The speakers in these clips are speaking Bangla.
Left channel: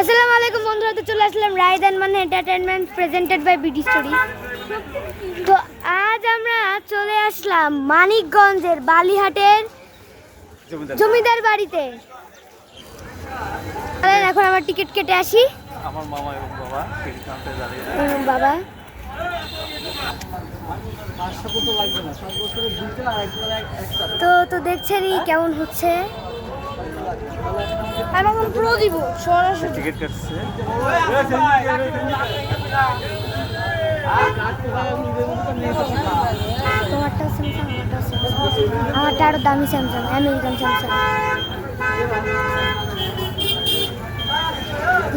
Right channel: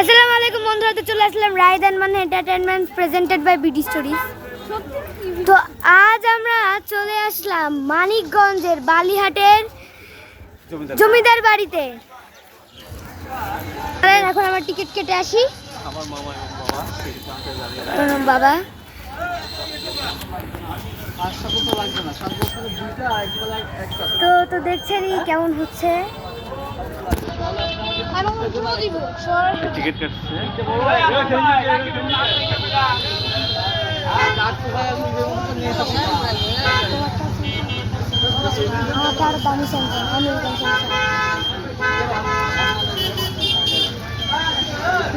আসসালামু আলাইকুম বন্ধুরা, তো চলে আসলাম রায়দান মানে entertainment presented by BD stories. তো আজ আমরা চলে আসলাম মানিকগঞ্জের বালিহাটের জমিদার বাড়িতে। এখন আমার টিকিট কেটে আসি। বাবা তো দেখছেনই কেমন হচ্ছে। আমারটা আরো দামি Samsung, American Samsung.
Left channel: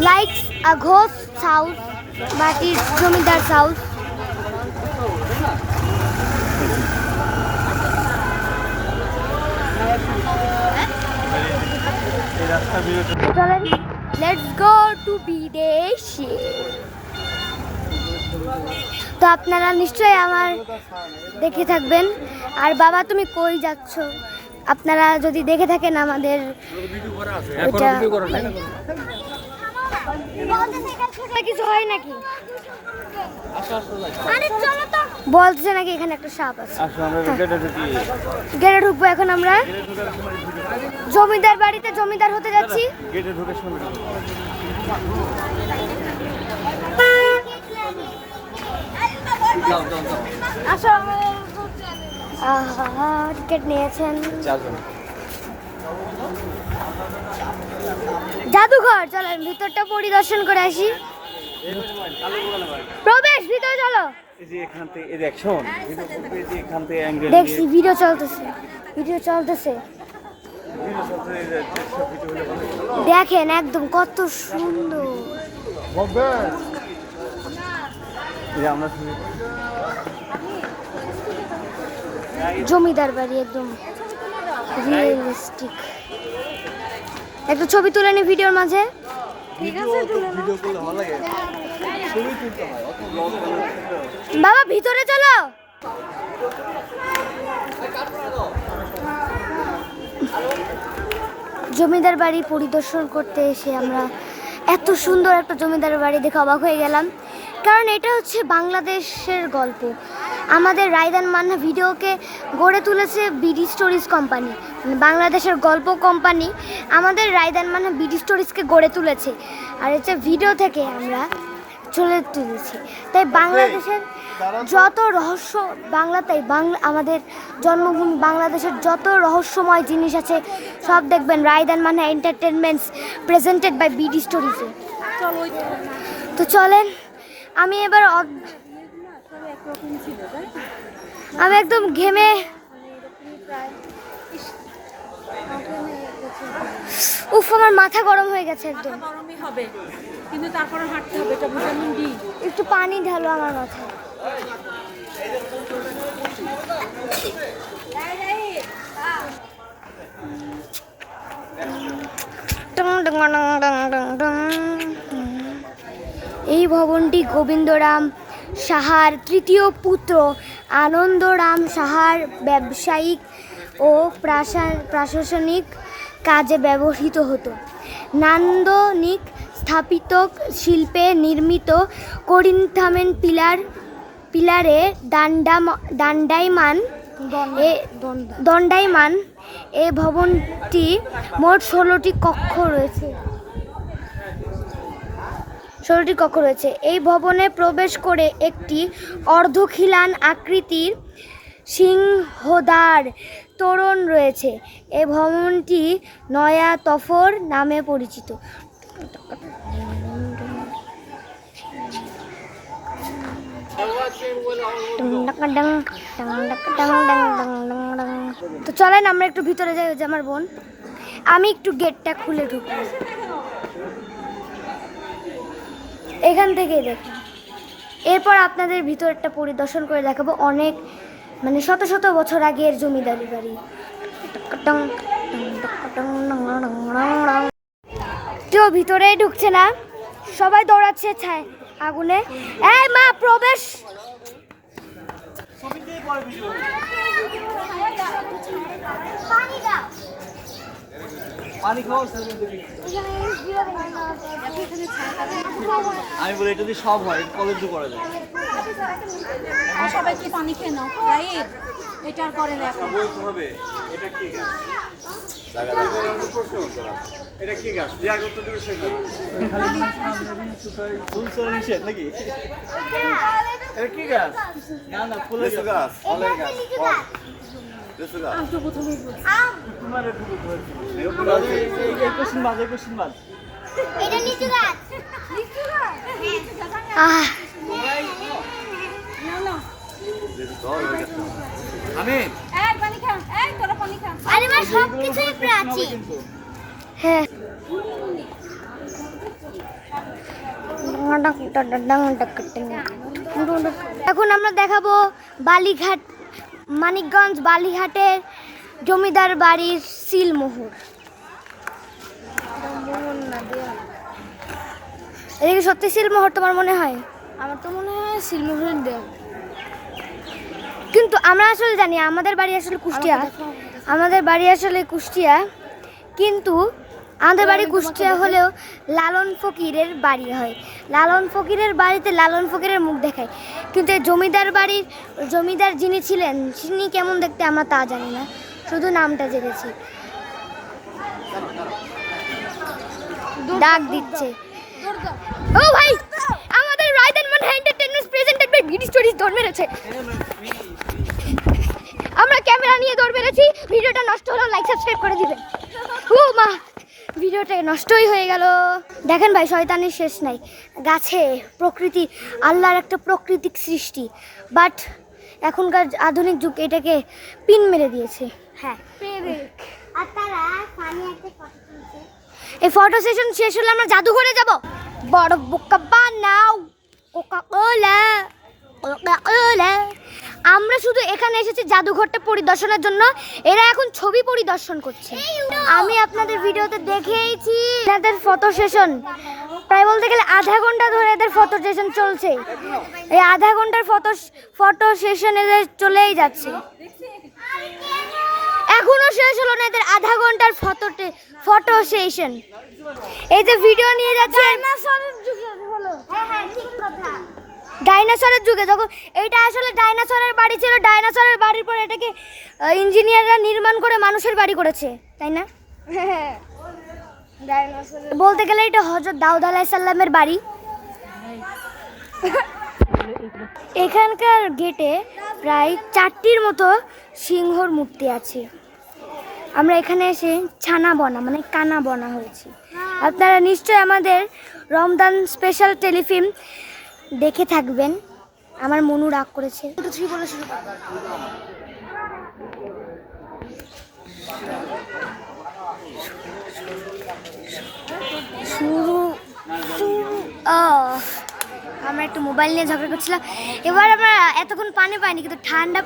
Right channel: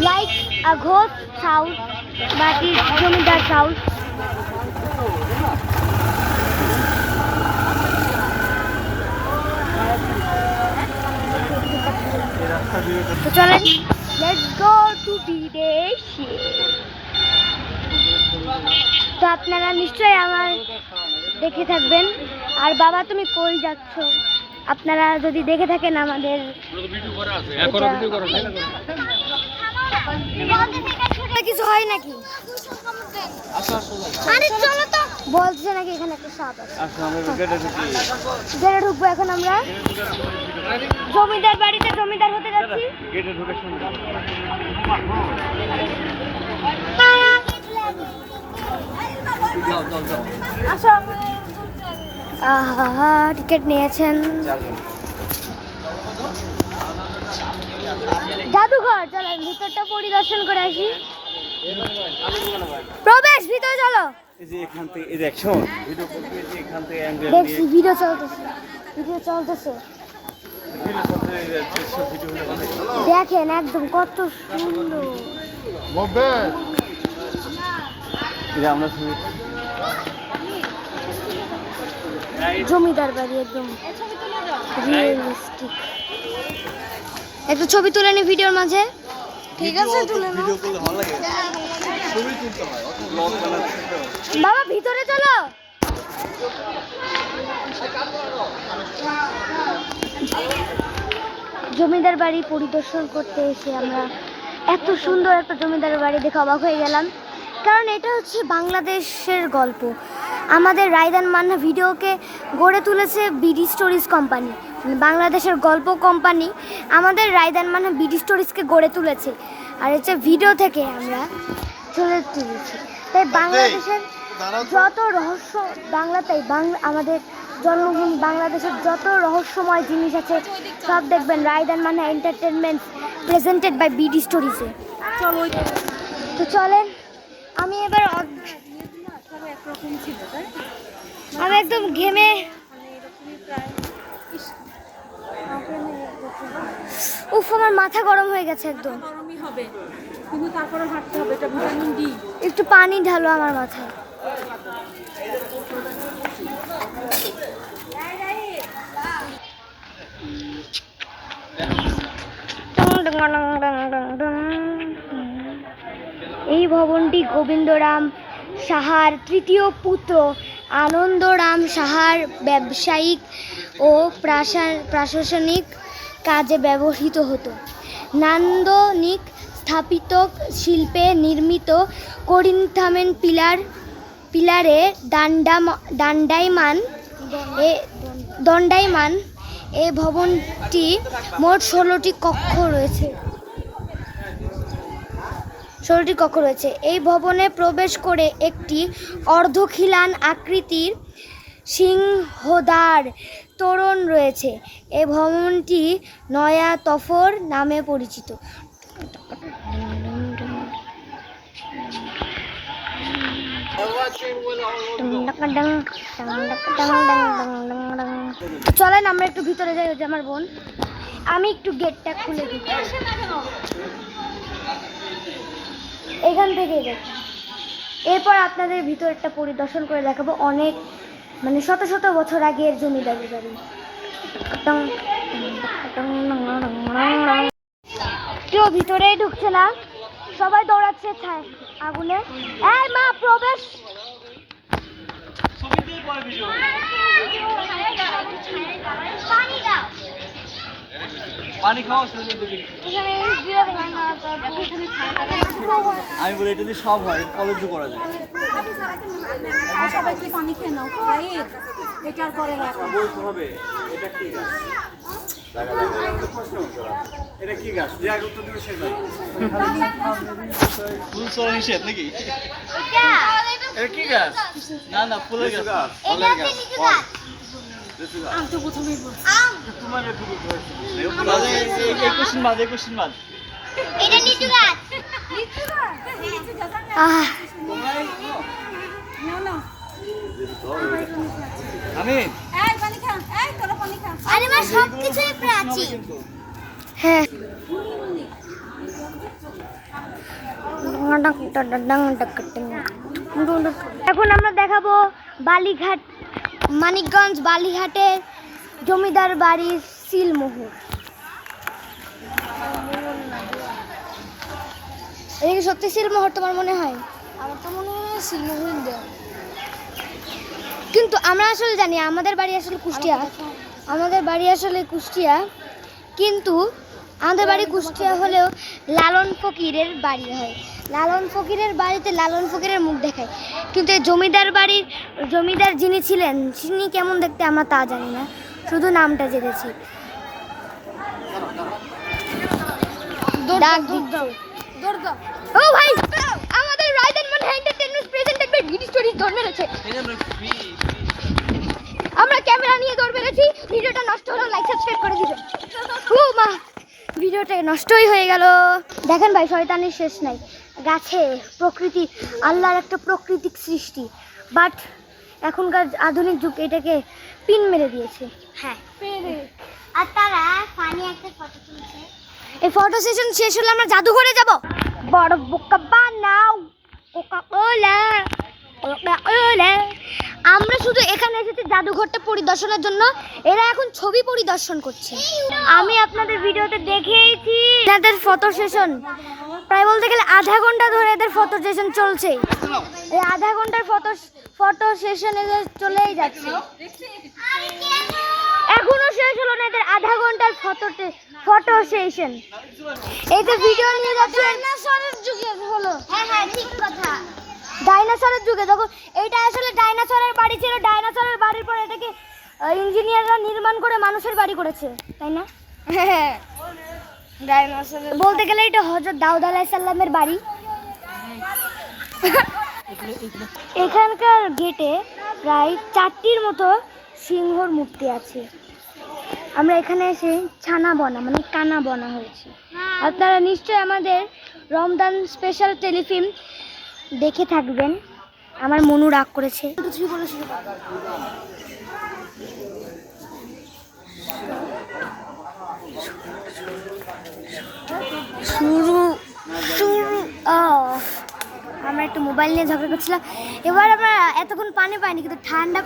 Like a ghost house, but it's Jamidar's house. চলেন, let's go to বিদেশে। তো আপনারা নিশ্চয়ই আমার দেখে থাকবেন। আর বাবা তুমি কই যাচ্ছ? আপনারা যদি দেখে থাকেন আমাদের কিছু হয় নাকি বলছে নাকি এখানে একটা সাপ আছে। গেটে ঢুকবো এখন আমরা জমিদার বাড়িতে, জমিদার হতে যাচ্ছি। টিকিট নিয়েছেন। জাদুঘর, চলেন ভিতরটা পরিদর্শন করে আসি। প্রবেশ, ভিতরে চলো। দেখছি ভিডিও চলতেছে, দেখেন একদম কত সুন্দর। জমিদার বাড়ি একদম রিয়েলিস্টিক। একটা ছবি তুলে নি ভিডিওর মাঝে। ঠিক আছে, বাবা ভিতরে চলো। জমিদার বাড়ি পরিদর্শন করতে এসে আমরা এত সুন্দর একটা জমিদার বাড়ি দেখে অবাক হয়ে গেলাম। কারণ এটা হচ্ছে বাংলাদেশের গল্প। আমাদের রায়দান মান্না ভিডিওকে গড়ে তুলেছে বিডি স্টোরিজ কোম্পানি, মানে বাংলাদেশের গল্প কোম্পানি আমাদের রায়দান মান্না বিডি স্টোরিজকে গড়ে তুলেছে। আর হচ্ছে ভিডিও থেকে আমরা চলে তুলেছি। তাই বাংলাদেশের যত রহস্য আমাদের জন্মভূমি বাংলাদেশের যত রহস্যময় জিনিস আছে সব দেখবেন Raidan Manna entertainments presented by BD স্টোরিজে। তো চলেন, আমি একদম ঘেমে আমার মাথা গরম হয়ে গেছে একদম। কিন্তু তারপরে হাঁটতে হবে, এটা ভিটামিন ডি। একটু পানি ঢালো আমার মাথায়। এই ভবনটি গোবিন্দরাম সাহার তৃতীয় পুত্র আনন্দরাম সাহার ব্যবসায়িক ও প্রশাসনিক কাজে ব্যবহৃত হতো। নান্দনিক স্থাপিত শিল্পে নির্মিত করিন্থামেন পিলারে দণ্ডায়মান এ ভবনটি মোট 16টি কক্ষ রয়েছে। এই ভবনে প্রবেশ করে একটি অর্ধখিলান আকৃতির সিংহদ্বার তোরণ রয়েছে। এই ভবনটি নয়া তফর নামে পরিচিত। তো চলেন আমরা একটু ভিতরে যাই। আমার বোন, আমি একটু গেটটা খুলে ঢুকি। এখান থেকেই দেখুন। এরপর আপনাদের ভিতরটা পরিদর্শন করে দেখাবো। অনেক মানে শত শত বছর আগের জমিদারি বাড়ি। কেউ ভিতরে ঢুকছে না, সবাই দৌড়াচ্ছে ছায় আগুনে। এই মা, প্রবেশ। পানি দাও। পানি খাও। আমি বলি এটা যদি সব হয় কলেজ করা যায়। আর সবাই একটু পানি খেয়ে নাও রাইট, এটা আর করে না এখন। বলতে হবে এটা কি গাছ? এটা কি গাছ? যে আগে তো তুমি শেষ ফুল সরা নিষেধ নাকি? এটা কি গাছ? না না ফুলের গাছ। এটা হচ্ছে লিচু গাছ। আমি তো প্রথমেই বলছি তোমার ফুল ধরেছিল। এই কোশ্চেন বাদ। এটা লিচু গাছ। না না আমি এই পানি খা, এই তোরা পানি খা। আরে মা সব কিছু আছে। হ্যাঁ এখন আমরা দেখাবো বালিঘাট, মানিকগঞ্জ বালিঘাটের জমিদার বাড়ির সিলমোহর। এদিকে সত্যি সিলমোহর তোমার মনে হয়? আমার তো মনে হয় সিলমোহরের দেব। কিন্তু আমরা আসলে জানি আমাদের বাড়ি আসলে কুষ্টিয়া, কিন্তু আমাদের বাড়ি কুষ্টিয়া হলেও লালন ফকিরের বাড়ি হয়। লালন ফকিরের বাড়িতে লালন ফকিরের মুখ দেখায়, কিন্তু এই জমিদার যিনি ছিলেন তিনি কেমন দেখতে আমরা তা জানি না, শুধু নামটা জেনেছি। ডাক দিচ্ছে। ও ভাই, আমাদের রায়দান মান entertainment presented by BD stories দৌড় মেরেছে। আমরা ক্যামেরা নিয়ে দৌড় মেরেছি। ভিডিওটা নষ্ট হলো, লাইক সাবস্ক্রাইব করে দিবেন। ও মা, ভিডিওটা নষ্টই হয়ে গেল। দেখেন ভাই, শয়তানির শেষ নাই। গাছে প্রকৃতি, আল্লাহর একটা প্রাকৃতিক সৃষ্টি, বাট এখনকার আধুনিক যুগ এটাকে পিন মেরে দিয়েছে। হ্যাঁ, আর তারা পানি একটা ফটো তুলছে। এই ফটো সেশন শেষ হলে আমরা জাদুঘরে যাব। বড় বোকা বানাও কোকা-কোলা। আমরা শুধু এখানে এসেছি জাদুঘরটা পরিদর্শনের জন্য, এরা এখন ছবি পরিদর্শন করছে। আমি আপনাদের ভিডিওতে দেখেইছি এদের ফটো সেশন, প্রায় বলতে গেলে আধা ঘন্টা ধরে এদের ফটো সেশন চলছে। এই আধা ঘন্টার ফটো সেশন এদের চলেই যাচ্ছে, এখনো শেষ হলো না এদের আধা ঘন্টার ফটো সেশন। এই যে ভিডিও নিয়ে যাচ্ছে ডাইনোসরের যুগে হলো। হ্যাঁ ঠিক কথা, ডাইনোসরের যুগে যখন এইটা আসলে ডাইনোসরের বাড়ি ছিল, ডাইনোসরের বাড়ির পর এটাকে ইঞ্জিনিয়াররা নির্মাণ করে মানুষের বাড়ি করেছে, তাই না? ডাইনোসরের বলতে গেলে এটা হযরত দাউদ আলাইহিস সালামের বাড়ি। এখানকার গেটে প্রায় 4টির মতো সিংহর মূর্তি আছে। আমরা এখানে এসে ছানা বনা মানে কানা বনা হয়েছে। আপনারা নিশ্চয়ই আমাদের রমজান স্পেশাল টেলিফিল্ম দেখে থাকবেন। আমার মনু রাগ করেছে। 1 2 3 বলে শুরু করো। শুরু আমরা একটু মোবাইল নিয়ে ঝগড়া করছিলাম। এবার আমরা এতক্ষণ পানি পাইনি, কিন্তু ঠান্ডা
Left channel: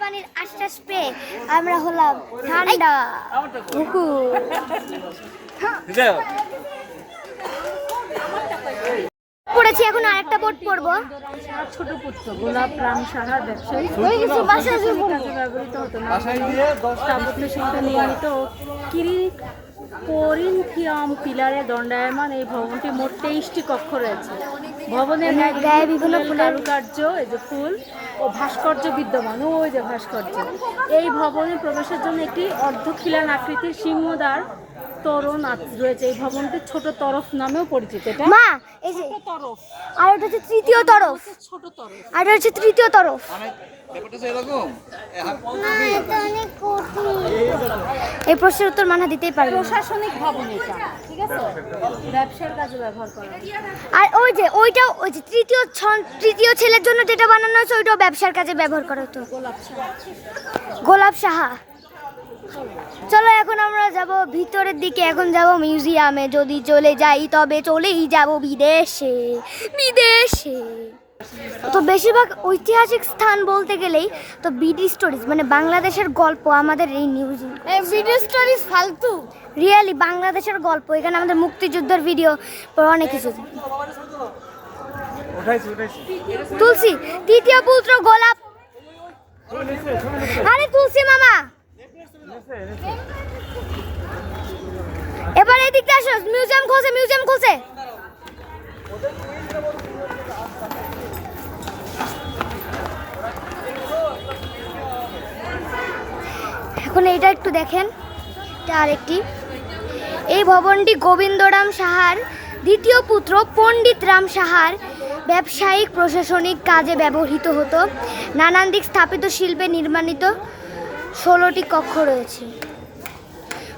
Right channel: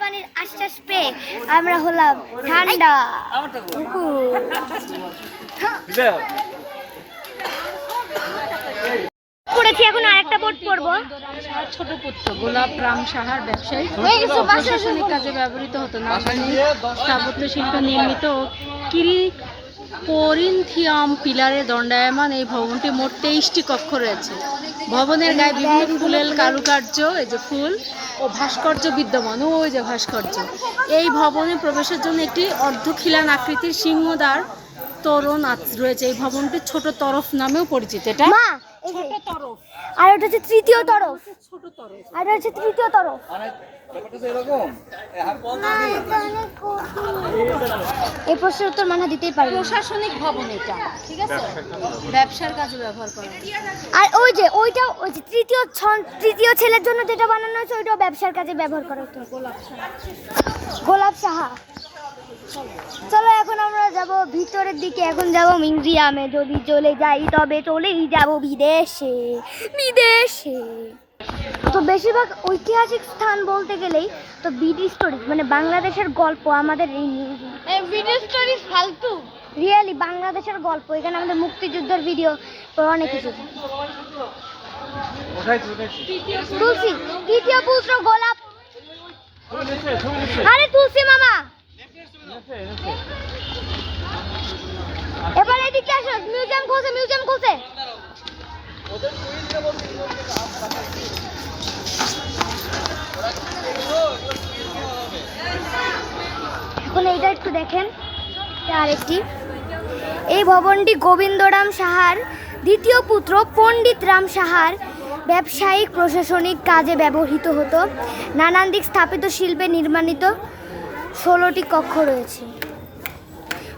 পানির আশ্বাস পেয়ে আমরা হলাম ঠান্ডা। পড়েছি, এখন আরেকটা বোট পড়বো। ছোট পুত্র গোলাপ রাম সাহার ব্যবসায়ী হয়ে গেছে, বাসায় প্রশাসনিক কাজে ব্যবহৃত হতো না। স্থাপত্য শিল্পে নির্মিত করিন্থিয়াম পিলারে দণ্ডায়মান এই ভবনটি মোট 23টি কক্ষ রয়েছে। ভবনের গায়ে বিভিন্ন ফুলের কারুকার্য, এই যে ফুল ও ভাস্কর্য বিদ্যমান, ওই যে ভাস্কর্য। এই ভবনে প্রবেশের জন্য একটি অর্ধখিলান আকৃতির সিংহদ্বার তোরণ রয়েছে। এই ভবনটি ছোট তরফ নামেও পরিচিত। এটা মা, এই যে ছোট তরফ, আর এটা হচ্ছে তৃতীয় তরফ, ছোট তরফ। আর এটা হচ্ছে তৃতীয় তরফ। ব্যাপারটা তো এরকম। এই প্রশ্নের উত্তর মানা দিতেই পারবে না। প্রশাসনিক ভবন এটা, ঠিক আছে, ব্যবসার কাজে ব্যবহার করে। আর ওই যে তৃতীয় ছেলের জন্য যেটা বানানো হয়েছে ওইটাও ব্যবসার কাজে ব্যবহার করা হতো। গোলাপ সাহা। চলো এখন আমরা যাব ভিতরের দিকে, এখন যাব মিউজিয়ামে। যদি চলে যাই তবে চলেই যাব বিদেশে। তো বেশিরভাগ ঐতিহাসিক স্থান বলতে গেলেই তো বিডি স্টোরিজ মানে বাংলাদেশের গল্প আমাদের এই মিউজিয়াম। বিডি স্টোরিজ ফালতু, রিয়েলি বাংলাদেশের গল্প। এখানে আমাদের মুক্তিযুদ্ধের ভিডিও, অনেক কিছু। তুলসী, তৃতীয় পুত্র গোলাপ। আরে তুলসী মামা, এবার এদিকে আসো। মিউজিয়াম খুলছে। এখন এইটা একটু দেখেন, আরেকটি। এই ভবনটি গোবিন্দরাম সাহার দ্বিতীয় পুত্র পণ্ডিত রাম সাহার ব্যবসায়িক প্রশাসনিক কাজে ব্যবহৃত হতো। নানান দিক স্থাপিত শিল্পে নির্মাণিত 16টি কক্ষ রয়েছে।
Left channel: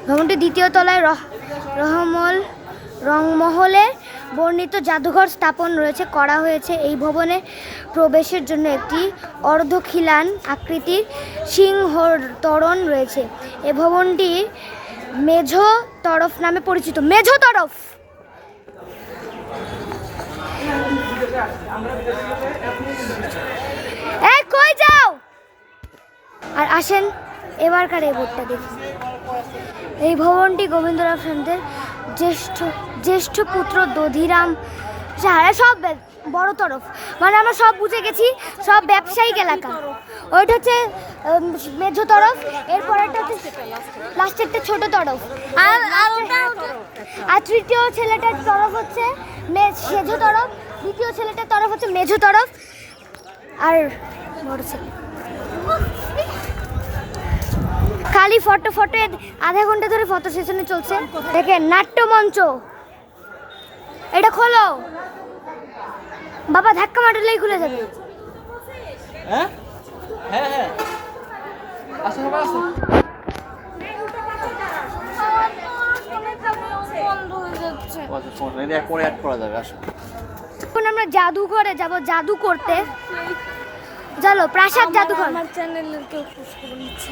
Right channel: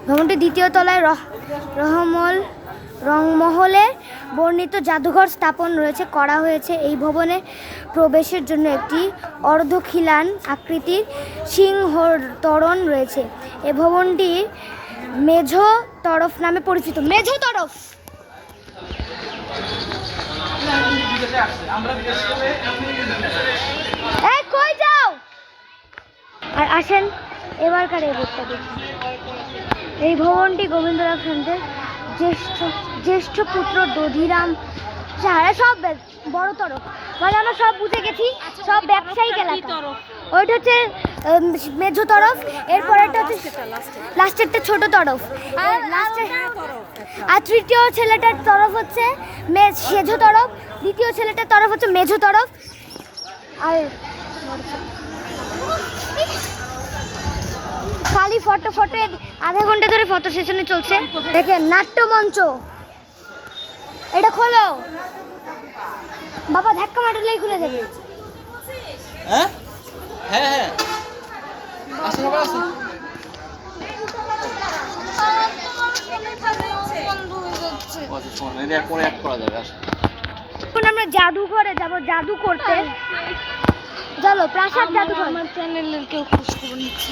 ভবনটি দ্বিতীয় তলায় রংমহলে বর্ণিত জাদুঘর স্থাপন রয়েছে করা হয়েছে। এই ভবনে প্রবেশের জন্য একটি অর্ধখিলান আকৃতির সিংহ তোরণ রয়েছে। এই ভবনটি মেঝো তরফ নামে পরিচিত। মেঝো তরফ। এই কই যাও? আর আসেন এবারকার এই বোর্ডটা দেখি। এই ভবনটি গোবিন্দরাম সান্তের জ্যেষ্ঠ পুত্র দধিরাম সাহার, সব বড় তরফ, মানে আমরা সব বুঝে গেছি, সব ব্যবসায়িক এলাকা। ওইটা হচ্ছে মেঝো তরফ, এরপরেরটা হচ্ছে লাস্টেরটা ছোট তরফ, আর তৃতীয় ছেলেটার তরফ হচ্ছে সেঝো তরফ, দ্বিতীয় ছেলেটার তরফ হচ্ছে মেঝো তরফ। আর খালি ফটো আধা ঘন্টা ধরে ফটো সেশনে চলছে। দেখেন নাট্যমঞ্চ, এটা খোলো বাবা, ধাক্কা মারলেই খুলে যাবে। হ্যাঁ হ্যাঁ হ্যাঁ, আসুন বাবা, আসুন। এখন আমরা জাদুঘরে যাব জাদু করতে। চলো প্রাসাদ জাদুঘর। আমার চ্যানেলের কেউ খোঁজ খবর নিচ্ছে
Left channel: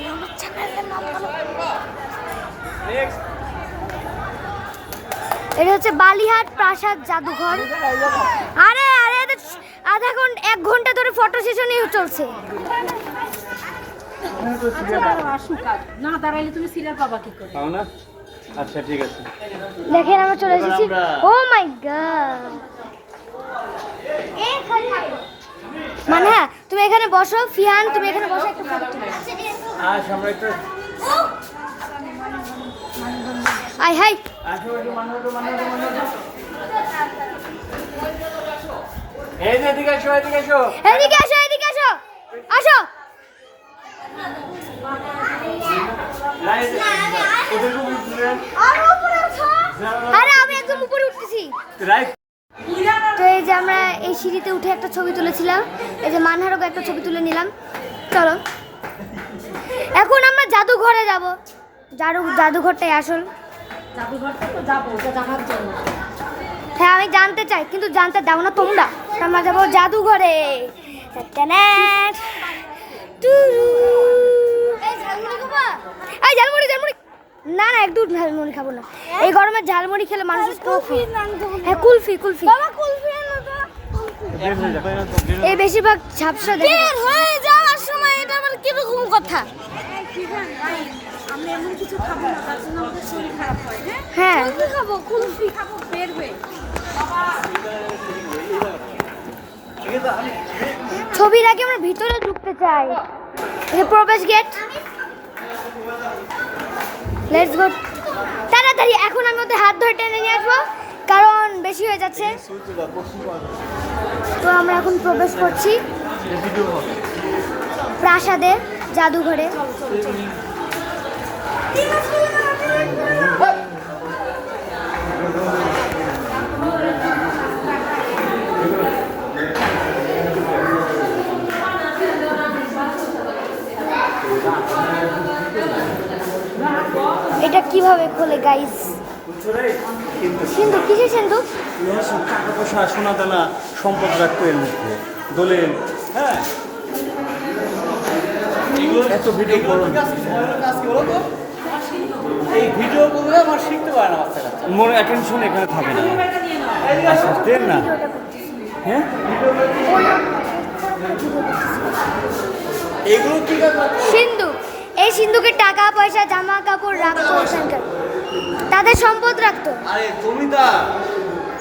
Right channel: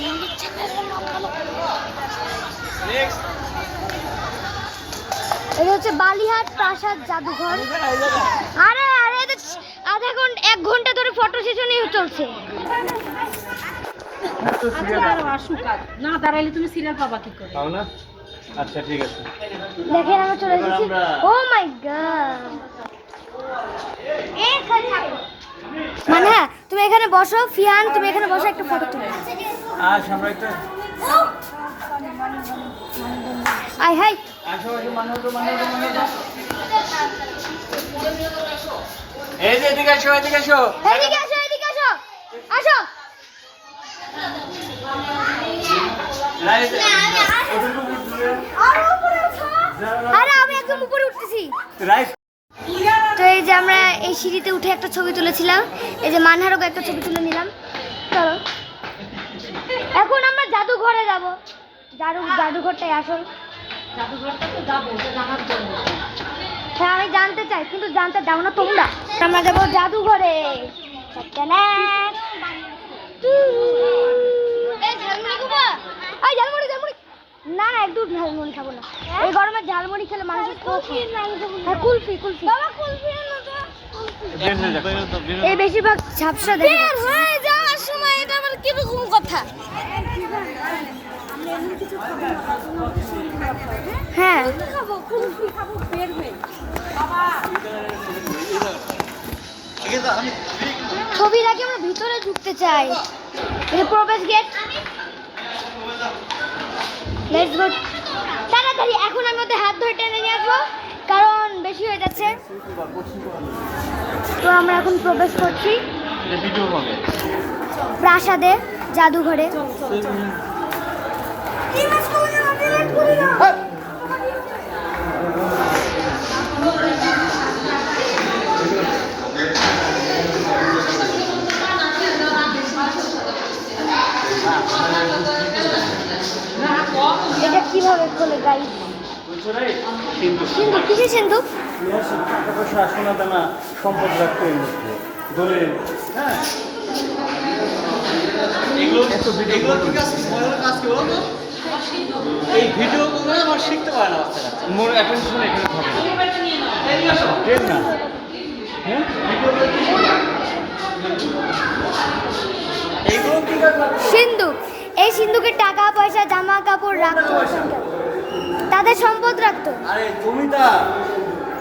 না। এটা হচ্ছে বালিহাট প্রাসাদ জাদুঘর। আরে আরে আধা ঘন্টা 1 ঘন্টা ধরে ফটো সেশনই চলছে। আচ্ছা দাঁড়াও, আসুক আজ। না দাঁড়াইলে তুমি সিরিয়াল পাবা কি করে? পাও না? আচ্ছা ঠিক আছে। দেখেন আমরা চলে এসেছি। ও মাই গড, মানে হ্যাঁ, তুমি এখানে বসো। ফিয়ান তুমি এখানে বসো, একটু ফটো তুলো। আজ আমরা একটু আই হাই, আশেপাশে মানুষ। এই যে এদিকে আসো, এদিকে আসো। এদিকে আসো, এদিকে আসো, আসো। আরে আমি একদম উপরে উঠতেছি। তো এই যে আমরা এই সিঁড়িতে উঠে একটা ছবি তুলেছিলাম, এই যে মানহারও একটা ছবি তুলে নিলাম। চলো এখন আমরা জাদুঘরে যাব। জাদুঘরটাই আসল। জাদুঘরটা তো যাবো, ওটা জানার জন্য। হ্যাঁ আমি জানতে চাই, কিন্তু জানতে দাও না তোমরা। আমরা যাবো জাদুঘরে। এই ঝালমুড়ি না না, একটু ঝালমুড়ি খাবো না। এই গরমে ঝালমুড়ি খেলে মানুষের স্ট্রোক হয়। হ্যাঁ কুলফি। এই বেশিরভাগ ঝাপসা দেখে হয়ে যাওয়ার সময় এটা আমার কিরকম কথা। হ্যাঁ ছবির আগে আমরা ভিতরে ঢুকতে চাই। এটা প্রবেশ গেট। লেটস গো, তাড়াতাড়ি। এখন আমি ওদের হাত ধরে টেনে নিয়ে আসবো, কারণ বেশি হয়ে যাচ্ছে। তো আমরা এখন প্রবেশ করছি প্রাসাদে জাদুঘরে। এটা কিভাবে খোলে গাইস? সিন্ধু, কিসের সিন্ধু? টাকা পয়সা, সোনা দানা, সম্পদ রাখতো এর মধ্যে, দলিল। হ্যাঁ, এই ভিডিওগুলো আমার শিখতে পারে না বাচ্চারা, মনে অ্যাটেনশন এখানে থাকে না। হ্যাঁ, এইগুলো ঠিক আছে। সিন্ধু, এই সিন্ধুকে টাকা পয়সা জামা কাপড় রাখতো ওখানকার, তাদের সম্পদ রাখতো। আরে জমিদার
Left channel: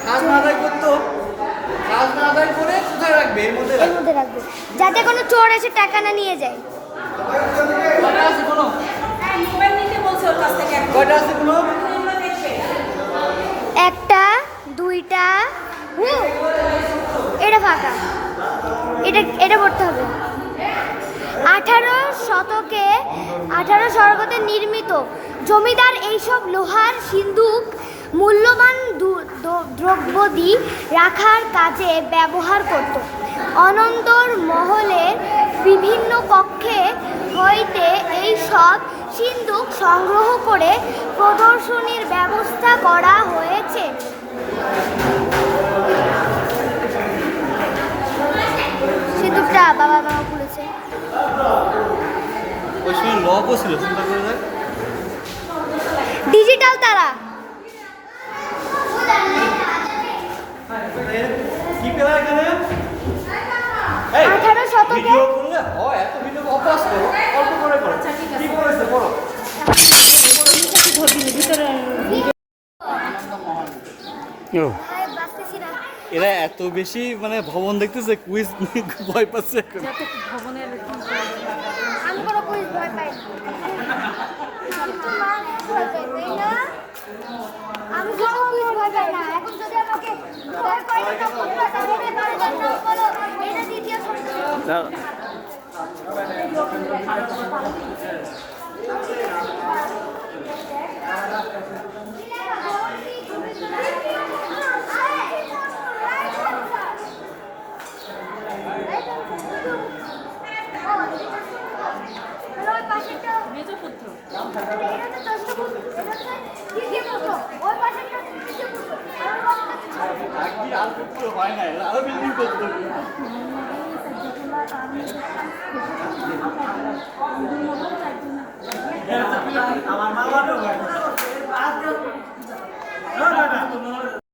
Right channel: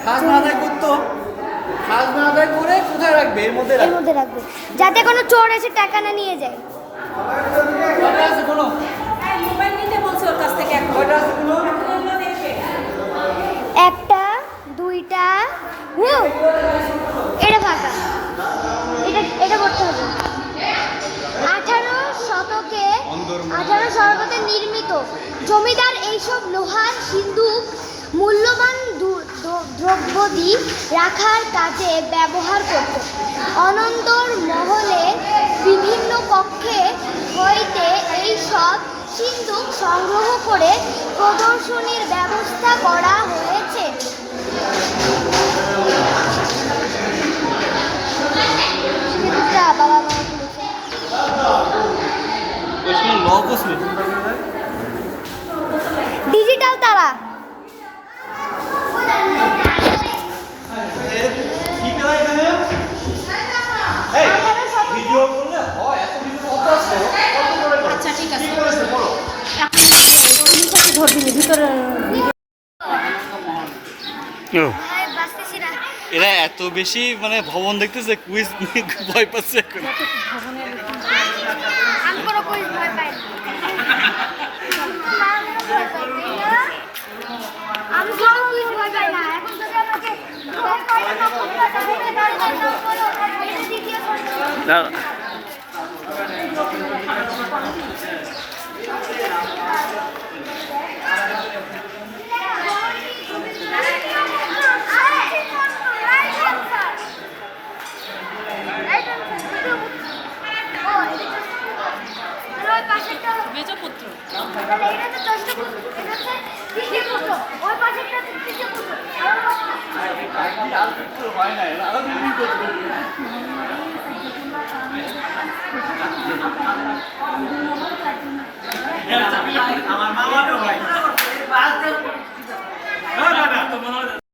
খাজনা আদায় করতো, খাজনা আদায় করে কোথায় রাখবে? এর মধ্যে রাখবে, যাতে কোনো চোর এসে টাকা না নিয়ে যায়। একটা, দুইটা, উ, এটা ফাঁকা, এটা করতে হবে। 18 শতকে নির্মিত জমিদার এইসব লোহার সিন্দুক মূল্যবান দ্রব্যাদি রাখার কাজে ব্যবহার করত। অনন্তর মহলের বিভিন্ন কক্ষে হইতে এইসব সিন্দুক সংগ্রহ করে প্রদর্শনীর ব্যবস্থা করা হয়েছে। সিন্দুকটা বাবা মা খুলেছে। ওই সময় লকও ছিল, চিন্তা করে দেখ। ডিজিটাল তারা। কি পেলা এখানে? এই 18 শতকে ভিডিও করলে হয়, এত ভিডিও কত আছে? কত করে করো? আচ্ছা ঠিক আছে, কি করেছে বলো? বাঁচতেছি না। এরা এত বেশি মানে ভবন দেখতেছে, কুইজ ভয় পাচ্ছে এখন। আমি কোনো কুইজ ভয় পাই না। আমি কোনো কুইজ ভয় পাই না। এখন যদি আমাকে ভয় করে তখন তো তাহলে না বলো, এটা দ্বিতীয় প্রশ্ন। মেজপুত্র। হয় না, আরো বিল্ডিং করতে আমার মামা তো ভাই।